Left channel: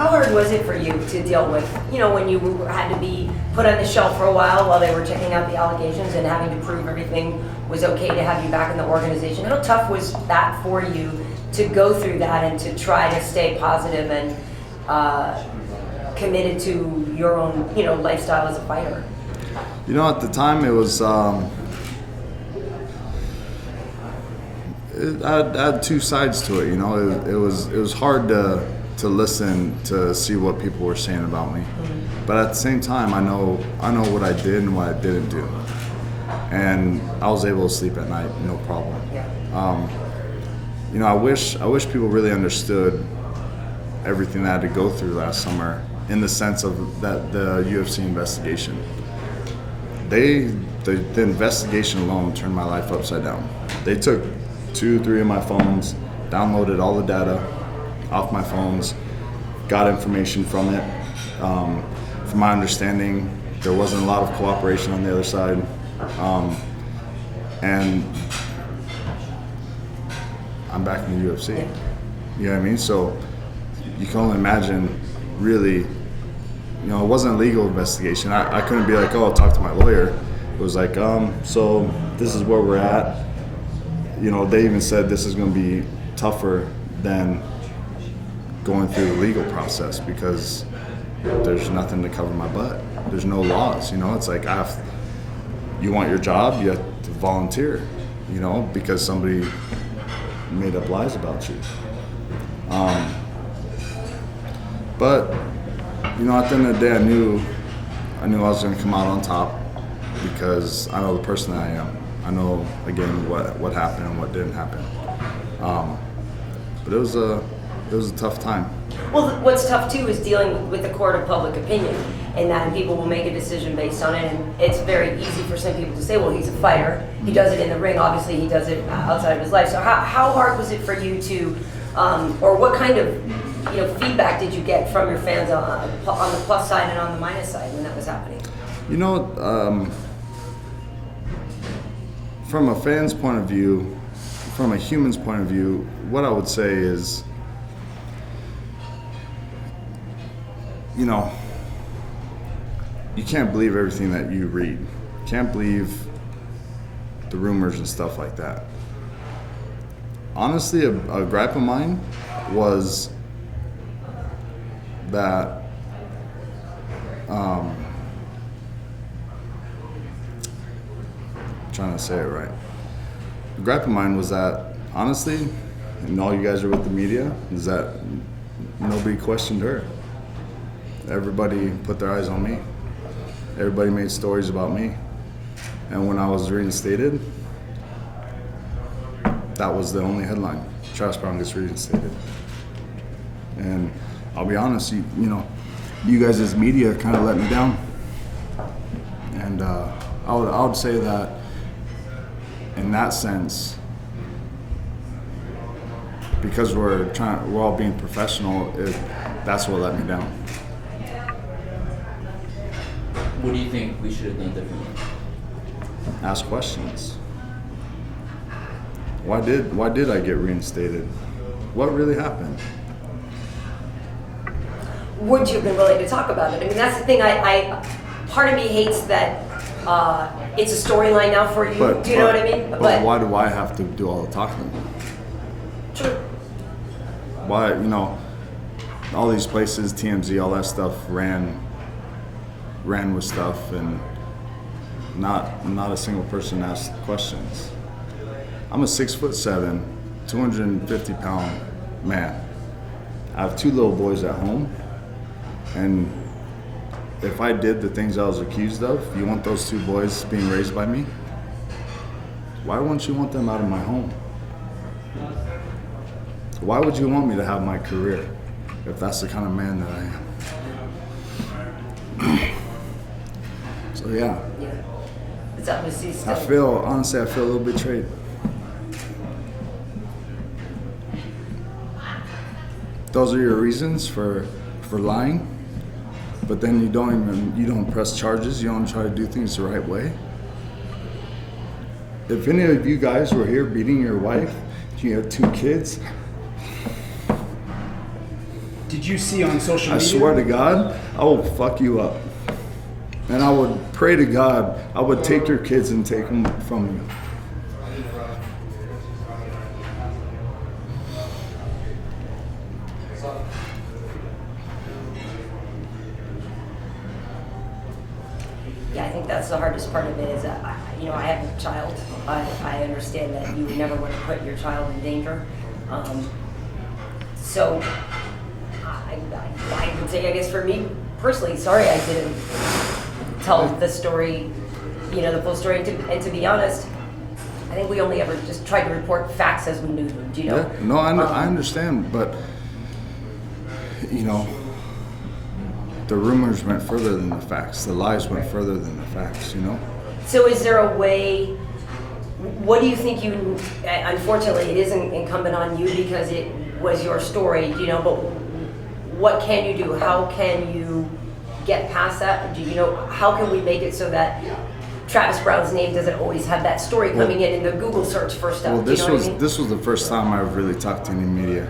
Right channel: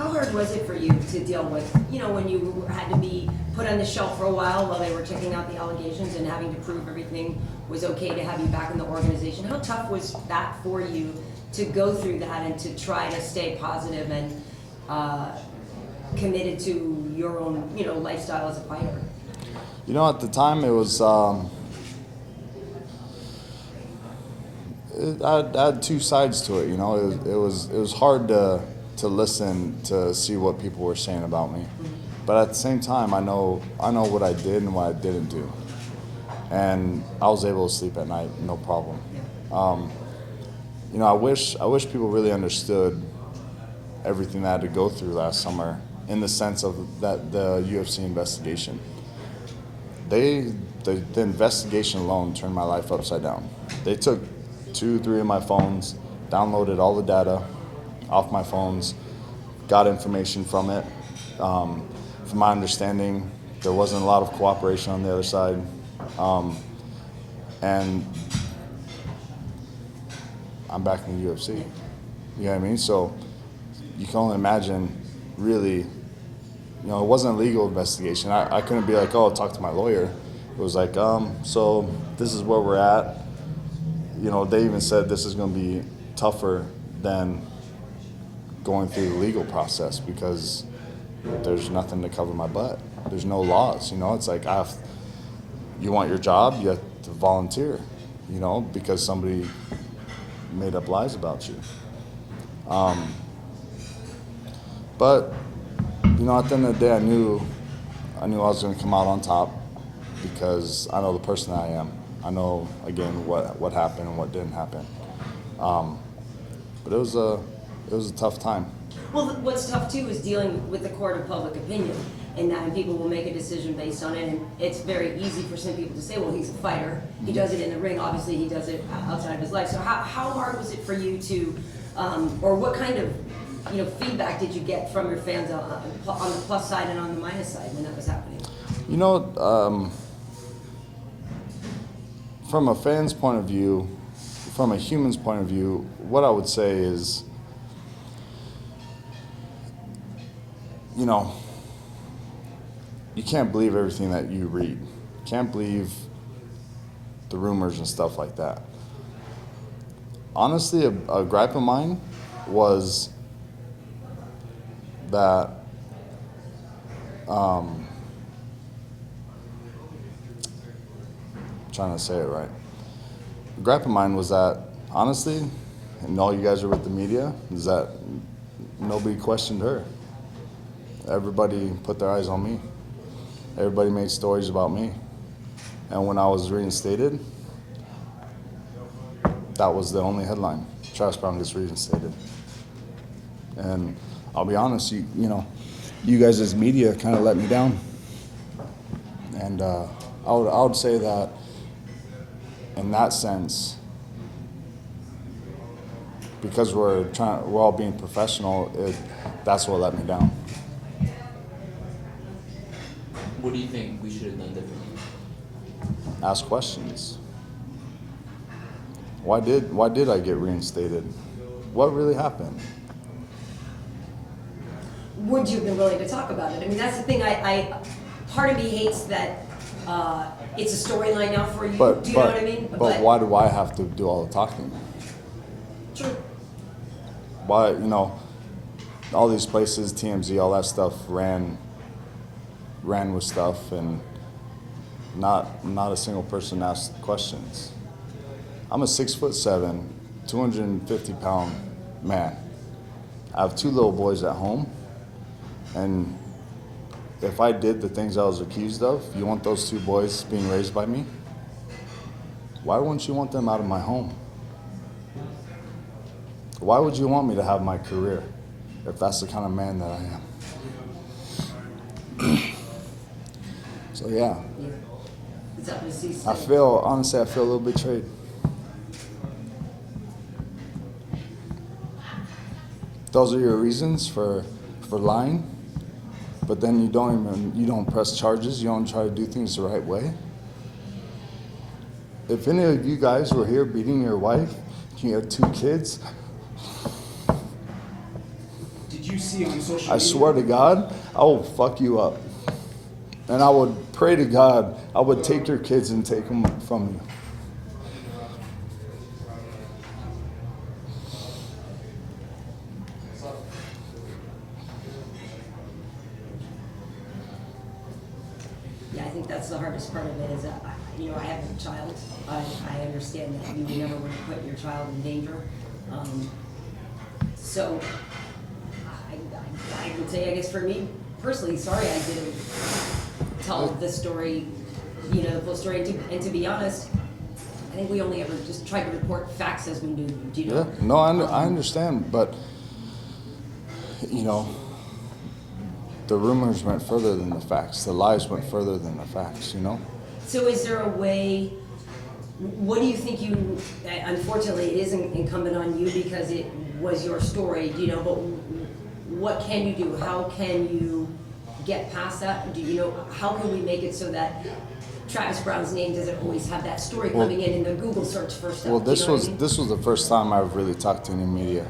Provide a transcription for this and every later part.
How hard was it for you to deal with, when you had to be put on the shelf for a while they were checking out the allegations and having to prove everything was okay to have you back in the organization? How tough was that for you to go through that and to try to stay positive and committed to your own, lifestyle as a fighter? At the time it was, I had two sides to it. It was hard to listen to see what people were saying about me, but at the same time, I know what I did and what I didn't do, and I was able to sleep at night, no problem. Yeah. I wish people really understood everything that I had to go through last summer, in the sense of that the UFC investigation. The investigation alone turned my life upside down. They took 2-3 of my phones, downloaded all the data off my phones, got information from it. From my understanding, there wasn't a lot of cooperation on the other side. And I'm back in the UFC. Yeah. You know what I mean? So you can only imagine, really, it wasn't a legal investigation. I couldn't be like, oh, talk to my lawyer. It was like, so this is where we're at. They even said this is going to be tougher than going through the legal process because there's nothing to cover my butt. There's no laws, It's like, you want your job, you have to volunteer, because somebody made up lies about you. But, at the end of the day, I knew I was going to come out on top because I know the person that I am. I know, again, what happened and what didn't happen. But it was a tough time. Well, what's tough too is dealing with the court of public opinion, and people will make a decision based on it. And it's very easy for some people to say, well, he's a fighter. He does it in the ring. Obviously, he does it outside of his life. So how hard was it for you to, or what kind of feedback did you get from your fans on the plus side and on the minus side when that was happening? From a fan's point of view, from a human's point of view, what I would say is, you can't believe everything that you read. You can't believe the rumors and stuff like that. Honestly, a gripe of mine was that trying to say it right. The gripe of mine was that, honestly, and all you guys are with the media, is that nobody questioned her. Everybody put their eyes on me. Everybody made stories about me. And when I was reinstated, that was the only headline. Travis Browne gets reinstated. And I'll be honest, you guys as media kind of let me down. And I would say that in that sense, because we're all being professional, that's what let me down. What do you think we should have done differently? Ask questions. Why did I get reinstated? What really happened? Would you have been willing to talk about it? I mean, that's the thing. Part of me hates that it's a storyline now for you. Do you know what I mean? But why do I have to do all the talking? True. Why, all these places, TMZ, all that stuff ran with stuff, and not a single person asked questions. I'm a 6'7", 250-pound man. I have 2 little boys at home, and if I did the things I was accused of, you want those 2 boys being raised by me? Why wouldn't you want them out of my home? Why would you want me to have my career if that's the kind of man that I am? So yeah. It's obviously still. I feel a little betrayed. Those are your reasons for lying, but then you don't press charges. You don't try to do things the right way. If any of you guys were here beating your wife, you have 2 kids, did you see on social I media? swear to God, I will fuck you up. And I would pray to God, I would take your kids and take them from you. Yeah, I think that's the hardest part of it is that, I have a child. I understand that you would never want to put your child in danger. So I would say, I guess for me personally, sorry I didn't tell the story, the full story. And to be honest, I think we only ever just tried to report facts as we knew them, do you know? Yeah, no, I understand, but, the rumors went further than the facts. The lies went further than the facts, So is there a way, what do you think unfortunately it isn't incumbent on you because it was your story, but what can you do? How can you get past that? How can we make it so that Travis Browne's name doesn't always have that story coming in the Google search first up? Well, this was the first time I've really talked to any media.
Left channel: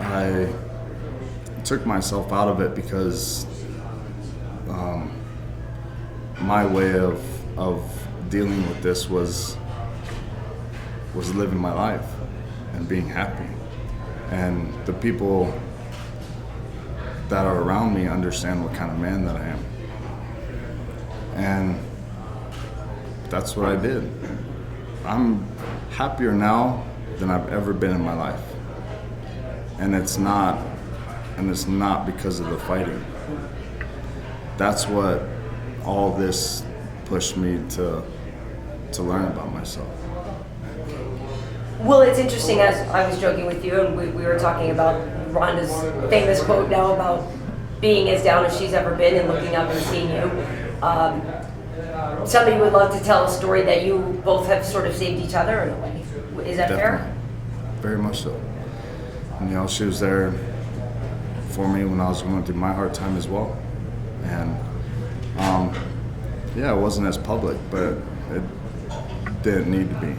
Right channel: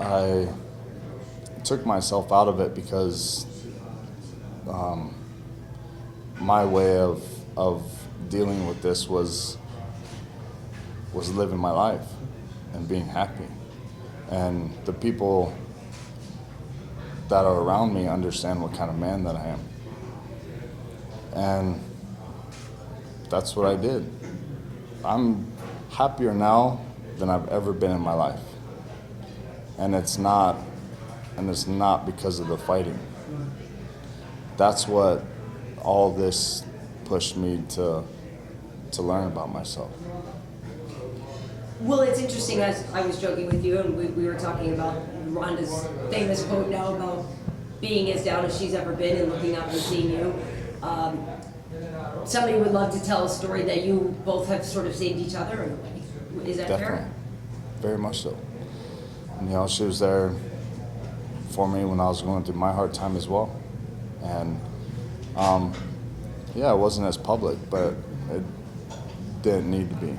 I took myself out of it because my way of dealing with this was living my life and being happy. And the people that are around me understand what kind of man that I am. And that's what I did. I'm happier now than I've ever been in my life. And it's not because of the fighting. That's what all this pushed me to learn about myself. Well, it's interesting, as I was joking with you, and we were talking about Ronda's famous quote now about being as down as she's ever been and looking up and seeing you. Somebody would love to tell a story that you both have sort of saved each other in a way. Is that Definitely. fair? Very much so. And, she was there for me when I was going through my hard time as well. And it wasn't as public, but it didn't need to be,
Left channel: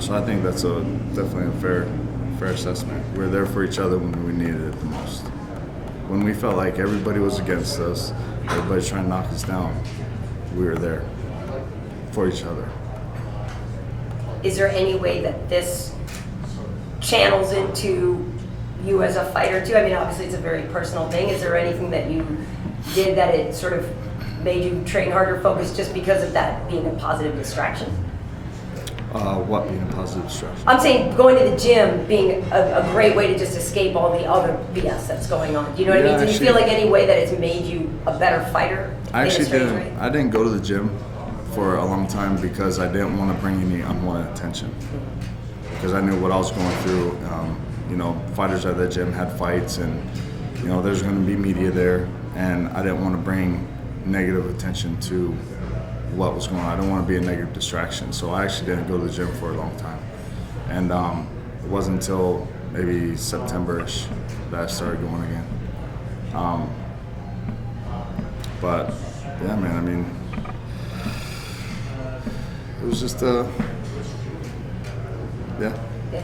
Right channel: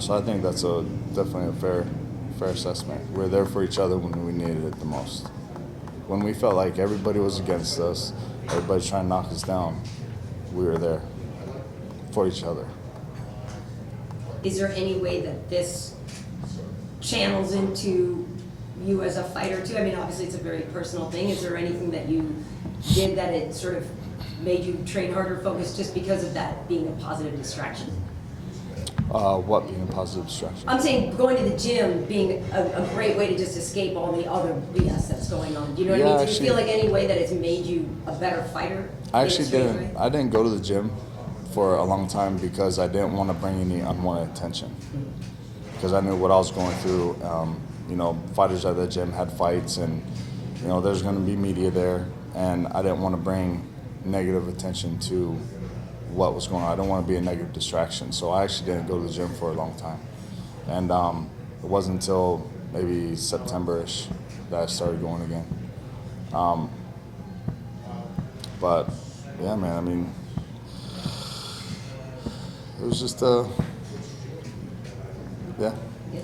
So I think that's definitely a fair assessment. We're there for each other when we needed it the most. When we felt like everybody was against us, everybody's trying to knock us down, we were there for each other. Is there any way that this channels into you as a fighter too? I mean, obviously it's a very personal thing. Is there anything that you did that it sort of made you train harder, focus just because of that being a positive distraction? What being a positive distraction? I'm saying going to the gym being a great way to just escape all the other BS that's going on. Do you know what I mean? Did you feel like any way that it's made you a better fighter? I actually didn't. I didn't go to the gym for a long time because I didn't want to bring any unwanted attention. Because I knew what I was going through. Fighters at the gym had fights, and there's going to be media there, and I didn't want to bring negative attention to what was going on. I don't want to be a negative distraction, so I actually didn't go to the gym for a long time. And it wasn't until maybe September-ish that I started going again. But yeah, man, I mean, it was just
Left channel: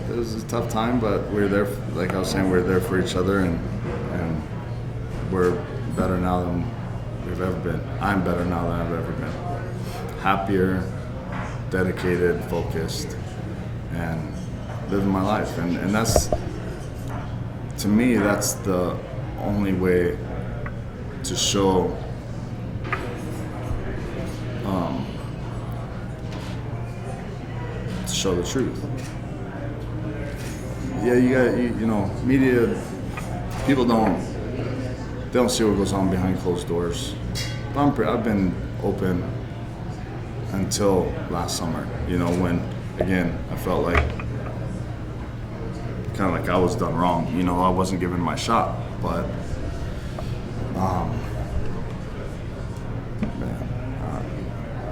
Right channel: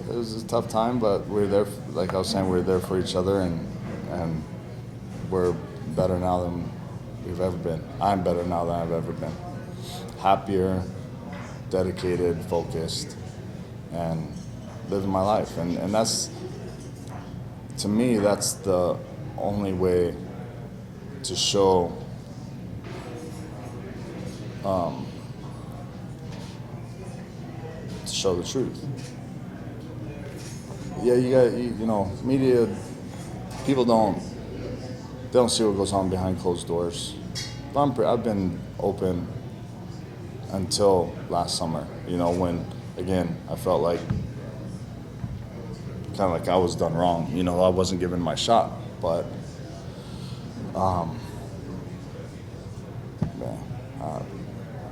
it was a tough time, but we're there. Like I was saying, we're there for each other, and we're better now than we've ever been. I'm better now than I've ever been. Happier, dedicated, focused, and living my life. And that's, to me, that's the only way to show the truth. Yeah, media, people don't see what goes on behind closed doors. But I've been open until last summer, when, again, I felt like kind of like I was done wrong. I wasn't given my shot, but I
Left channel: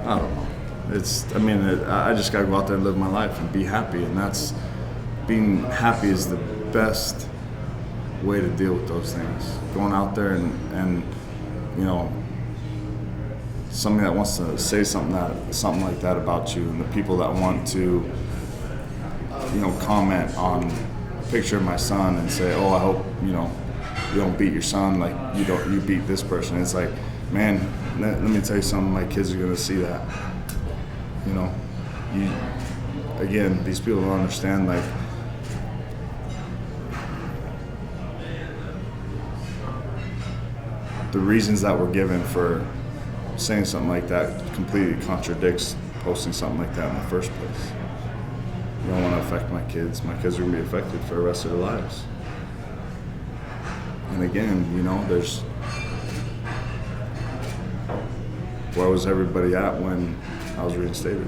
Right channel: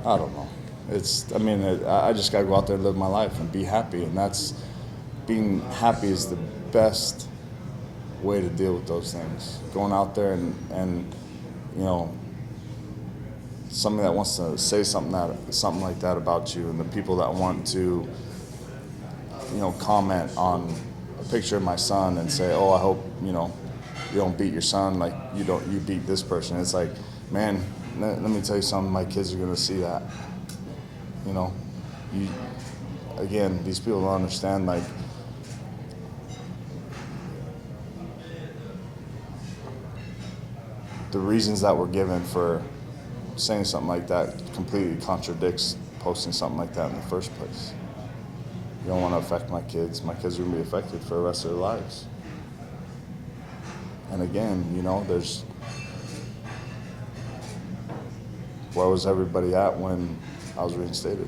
don't know. I just gotta go out there and live my life and be happy, and being happy is the best way to deal with those things. Going out there and somebody that wants to say something like that about you, and the people that want to comment on a picture of my son and say, oh, I hope, you don't beat your son like you beat this person. It's like, man, let me tell you something, my kids are gonna see that. Again, these people don't understand, like, the reasons that we're given for saying something like that completely contradicts posting something like that in the first place. You don't want to affect my kids. My kids are going to be affected for the rest of their lives. And again, there's, where was everybody at when I was reinstated?